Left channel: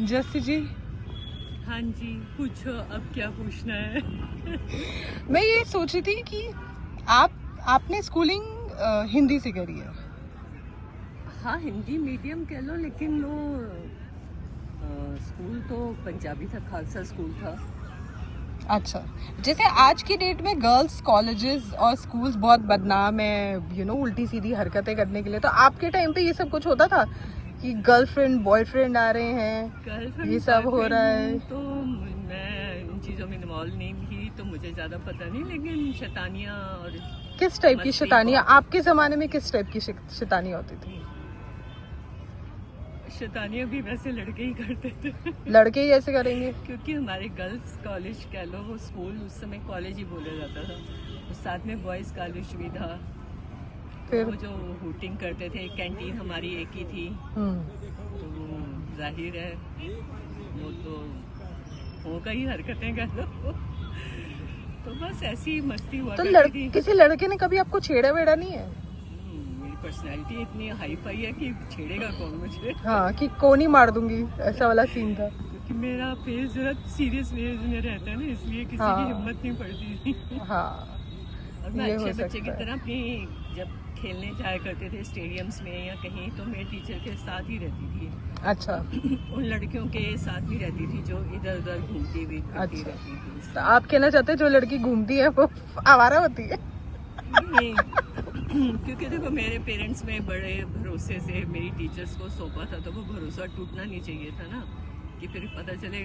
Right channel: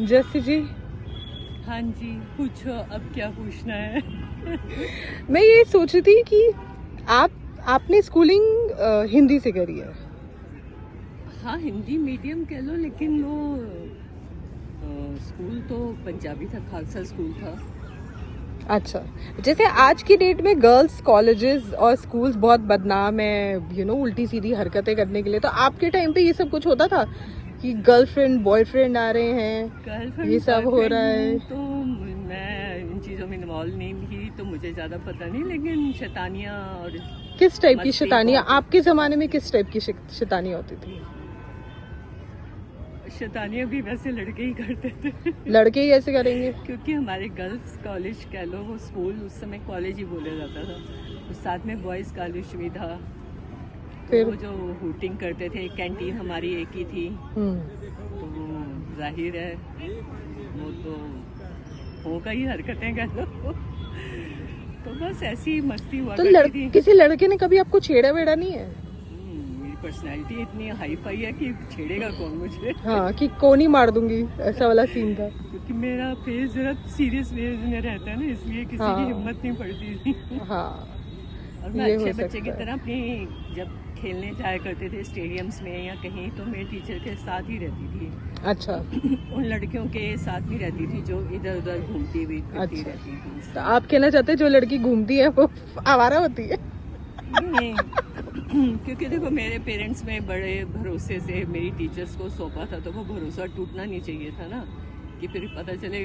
जैसे जी। हाँ जी, पूछो अब क्या पूछना है। मैं ये सोच रही थी कि आपने स्कूलिंग हिंदी से करी है। हाँ, हिंदी मीडियम कह लो, लेकिन वो स्कूल तो पंजाबी था, खालसा स्कूल था। अच्छा, जैसे आज की डेट में गर्ल्स कॉलेजेस और स्कूल्स बहुत बदनाम है, उल्टी सीधी हरकतें करने के लिए। तो आपके टाइम पे ये सब कुछ होता था कि गर्लफ्रेंड बॉयफ्रेंड आ रहे हैं, ये गर्लफ्रेंड सब हो बॉयफ्रेंड रहा है? हूँ तो मैं इन चीज़ों में इन्वॉल्व नहीं थी, तो मुझे ज़्यादा पता नहीं, लेकिन शैतानियाँ और किस टाइप की मस्ती शैतानियाँ बहुत आपके जमाने में, किस टाइप की शैतानियाँ होती थी? शैतानियाँ भी वैसे लड़के ही करते थे। लड़के ही ऐसे करेंगे? क्योंकि हमारे गर्ल्स कॉलेज कह लो, वो स्कूल उस समय कॉलेज ही बोला जाता था, तो साथ में बॉयज़ कॉलेज भी था। तो फिर वो जो हूटिंग करते थे, कैंटीन हमारी एक ही थी, तो वो जाहिर है वो तो होगा ही, हरकतें कर लो। तो बस ऐसी मस्ती हुआ तो करती थी। किसी लड़के ने कभी आपको छेड़ा वेड़ा नहीं है? मेरी पर्सनैलिटी इतनी हाई फाई है कि छेड़ेगा कौन मुझे। हाँ, कि कोनी मार दूंगी, ऐसा वाला सीन था। क्योंकि मेरा फेस जरा सीरियस फेज में रहता है ना, इसलिए किसी हाँ की हिम्मत नहीं पड़ती। हाँ, और मैं ये अच्छे हो बच्चे की सकता है। तरह अपनी, जब खेलने जाया करते थे स्टेडियम्स में या कहीं, तो मैं टीचर के साथ ही रहती थी। अच्छा उन लड़कियों के साथ ही रहती थी जो इधर उधर घूमती हुई फिरती अच्छा, रहती थी। तो आप कहना चाहते हैं जो लड़की घूमती है वो आवारा होती है? नहीं, क्योंकि देखो मेरे पेरेंट्स में बड़े भरोसे से मेरी टीचर्स को सौंपा था, तो वो भरोसा टूटना नहीं चाहिए था ना, कि फिर पता चले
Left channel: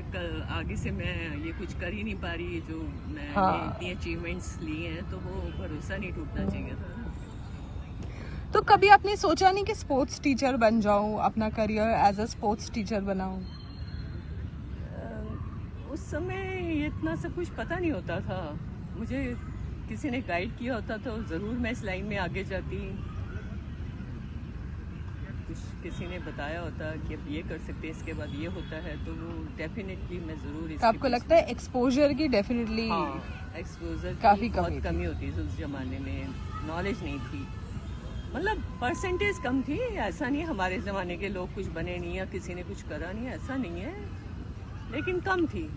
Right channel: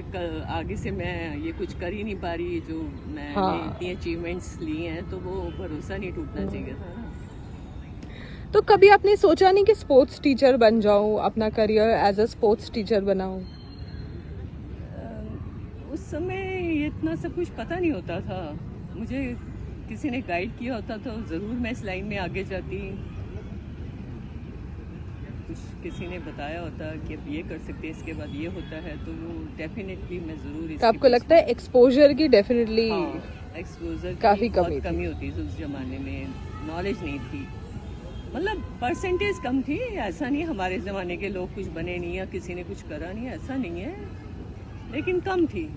आगे से मैं ये कुछ कर ही नहीं पा रही, जो मैं ये हाँ। इतनी अचीवमेंट्स लिए हैं, तो वो भरोसा नहीं टूटना चाहिए था ना। तो कभी आपने सोचा नहीं कि स्पोर्ट्स टीचर बन जाऊं, अपना career as a sports teacher बनाऊं? उस समय ये इतना सब कुछ पता नहीं होता था मुझे। किसी ने गाइड किया होता तो ज़रूर मैं इस लाइन में आगे जाती। कुछ किसी ने बताया होता कि अब ये कर सकते हैं, इसके बाद ये होता है, तो वो डेफिनेटली मैं ज़रूर तो इसके आपको लगता पीछे। है एक्सपोजर की डेफिनेटली हाँ, एक्सपोजर की काफी कमी बहुत थी? कमी होती थी उस ज़माने में, नॉलेज नहीं थी। मतलब परसेंटेज कम थी, ऐसा नहीं हमारे ज़माने के लोग कुछ बने नहीं या किसी ने कुछ करा नहीं, ऐसा नहीं है, लेकिन कम थी।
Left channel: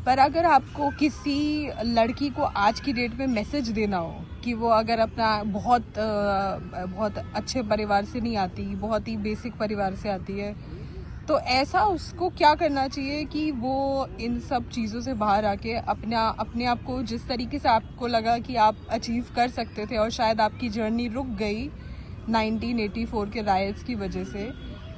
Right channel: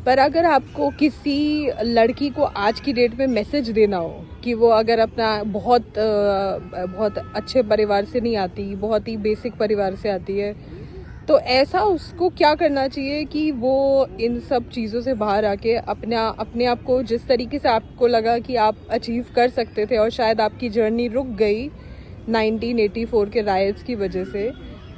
पर अगर आपको किसी लड़की को आज की डेट में मैसेज देना हो कि वो अगर अपना बहुत अच्छे परिवार से नहीं आती, बहुत ही बेसिक परिवार से आती है, तो ऐसा उसको क्या करना चाहिए कि वो इन सब चीज़ों से बाहर आके अपने आप को, जिस तरीके से आपको लगा कि आप अचीव कर सकते थे और शायद आपकी जर्नी रुक गई 1984 के राइट्स की वजह से,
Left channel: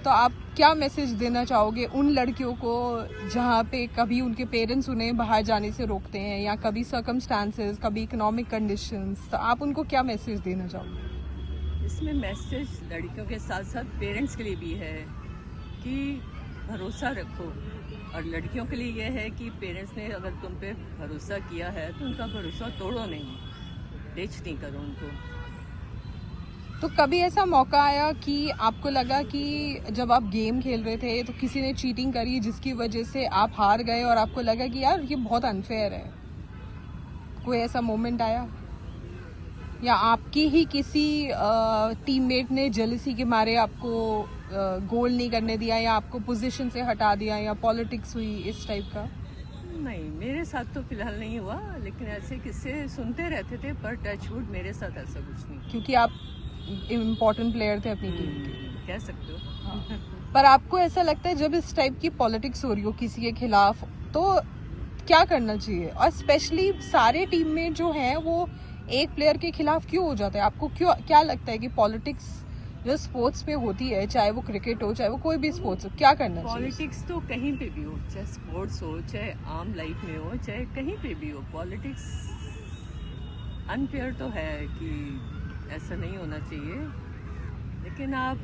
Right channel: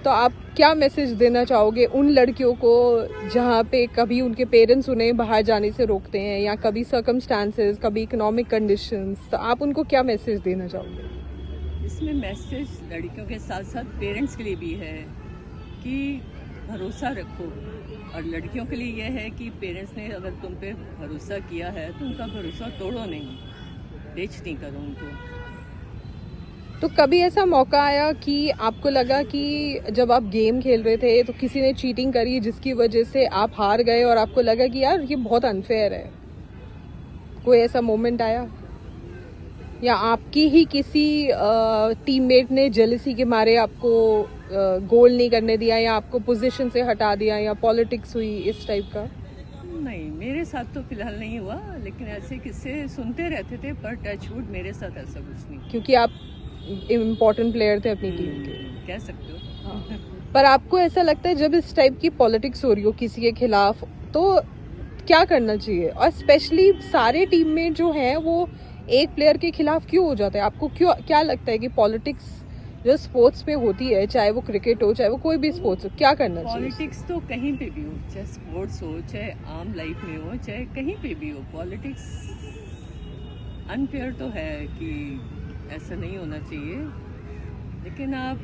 तो आप क्या मैसेज देना चाहोगे उन लड़कियों को जहाँ पे कभी उनके पेरेंट्स उन्हें बाहर जाने से रोकते हैं, या कभी सर्कमस्टांसेस, कभी इकोनॉमिक कंडीशंस, तो आप उनको क्या मैसेज देना चाहोगे? इसमें मैसेज लड़कियों के साथ साथ पेरेंट्स के लिए भी है कि भरोसा रखो, और लड़कियों के लिए यह है कि पेरेंट्स ने अगर तुम पे भरोसा किया है तो उनका भरोसा तोड़ो नहीं, टेच नहीं करो उनको। तो कभी ऐसा मौका आया कि आपको लगा कि जब आप गेम खेल रहे थे तो किसी ने चीटिंग करी जिसकी वजह से आप हार गए और आपको लगा कि यार ये बहुत अनफेयर है? कोई ऐसा मोमेंट आया, या आपकी ही किसी टीममेट ने जेलसी के मारे आपको गोल नहीं करने दिया, या आपको पोजीशन से हटा दिया, या पॉलिटिक्स हुई इस टाइप का? नहीं, मेरे साथ तो फिलहाल नहीं हुआ, लेकिन ऐसे किस्से सुनते रहते थे, पर टचवुड मेरे साथ ऐसा कुछ नहीं। क्योंकि आप इम्पोर्टेंट प्लेयर थे अपनी टीम के। कह सकते हो। पर आपको ऐसा लगता है जब इस टाइप की पॉलिटिक्स हो रही हो किसी के खिलाफ, तो क्या करना चाहिए? और स्पेशली सारे टीममेट जो हैं वो एक प्लेयर के खिलाफ क्यों हो जाते हैं? आपको क्यों, क्या लगता है कि पॉलिटिक्स जो स्पोर्ट्स पे होती है, चाहे वो क्रिकेट हो, चाहे वो कोई भी स्पोर्ट्स हो, क्या करना चाहिए? पॉलिटिक्स तो कहीं पे भी हो, चाहे स्पोर्ट्स हो, चाहे आम लाइफ में हो, चाहे कहीं पे भी हो, पॉलिटिक्स अनफेयर तो है कि ऐसा नहीं होना चाहिए। लेकिन आप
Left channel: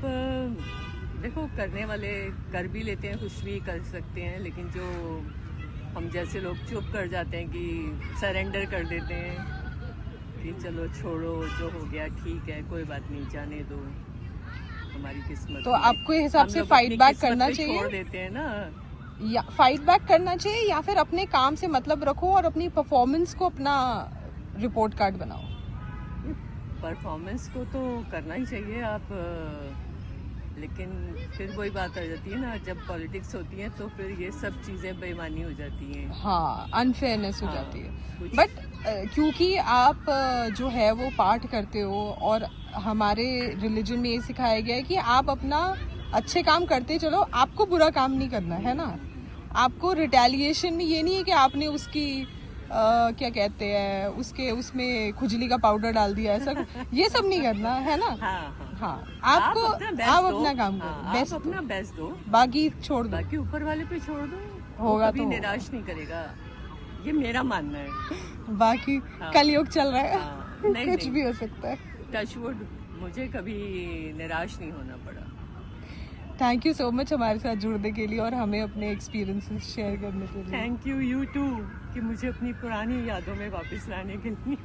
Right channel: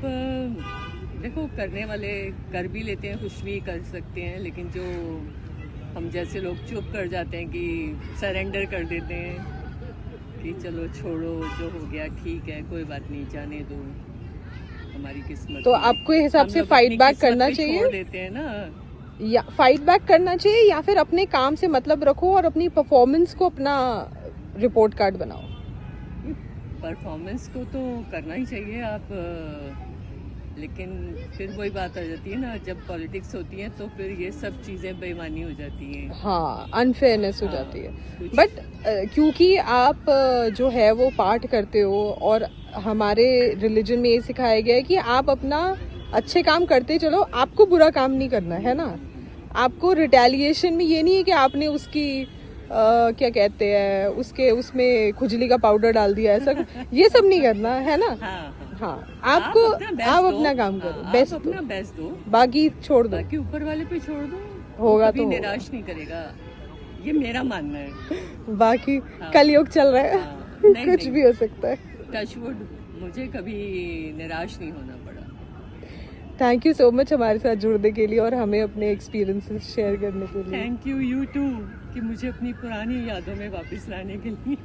देखो, करने वाले कर भी लेते हैं, कुछ भी कर सकते हैं, लेकिन जो हम जैसे लोग चुप कर जाते हैं, कि सरेंडर कर देते हैं कि चलो छोड़ो, जो हो गया ठीक है, कोई बात नहीं, जाने दो, हमारी किस्मत तो में। आपके हिसाब हम से लोग फाइट अपनी बैक किस्मत करना भी छोड़ चाहिए, देते हैं ना। या फाइट बैक करना चाहिए, या फिर अपने काम से मतलब रखो और अपनी परफॉर्मेंस को अपना रिपोर्ट कार्ड बनाओ? परफॉर्मेंस को तो करना ही चाहिए। आप लेकिन फिर वही बात आ जाती है ना, जब पॉलिटिक्स होती है तो फिर ये सब चीज़ें बेईमानी हो जाती हैं। हाँ, अनफेयरनेस हो हाँ, जाती है। कुछ बट क्योंकि आप जो है वो पाठ करते हो, और हमारे रिलीजन में ये सिखाया गया है कि आप अपना अच्छे काम करते चलो, आपको बुरा काम नहीं करना है ना। आपको रिटेलिएशन में ये नहीं है कि आपने उसकी क्या कहते हैं, उसके उसमें खुजली का पाउडर डाल दिया, ऐसा ये सब नहीं करना है ना। हाँ हाँ, हाँ, आप आपको अपना बेस्ट आप दो। अपना काम हाँ, करो, आप बेस्ट अपना दो, बेस्ट दो, बाकी छोड़ दो। बाकी ऊपर वाले पे छोड़ दो, वो होगा कभी तो होगा। निराश नहीं करेगा, ये मेरा मानना है। बाकी हाँ, कलयुग चल रहा है, हाँ, नहीं कुछ नहीं, भी हो सकता है। टचवुड, मुझे कभी निराश नहीं होना पड़ा। थैंक यू सो मच हमारे साथ जुड़ने के लिए और हमें अपने एक्सपीरियंसेस शेयर करने के लिए। थैंक यू, यू टू, कि मुझे अपनी पुरानी यादों में वापस लाने के लिए।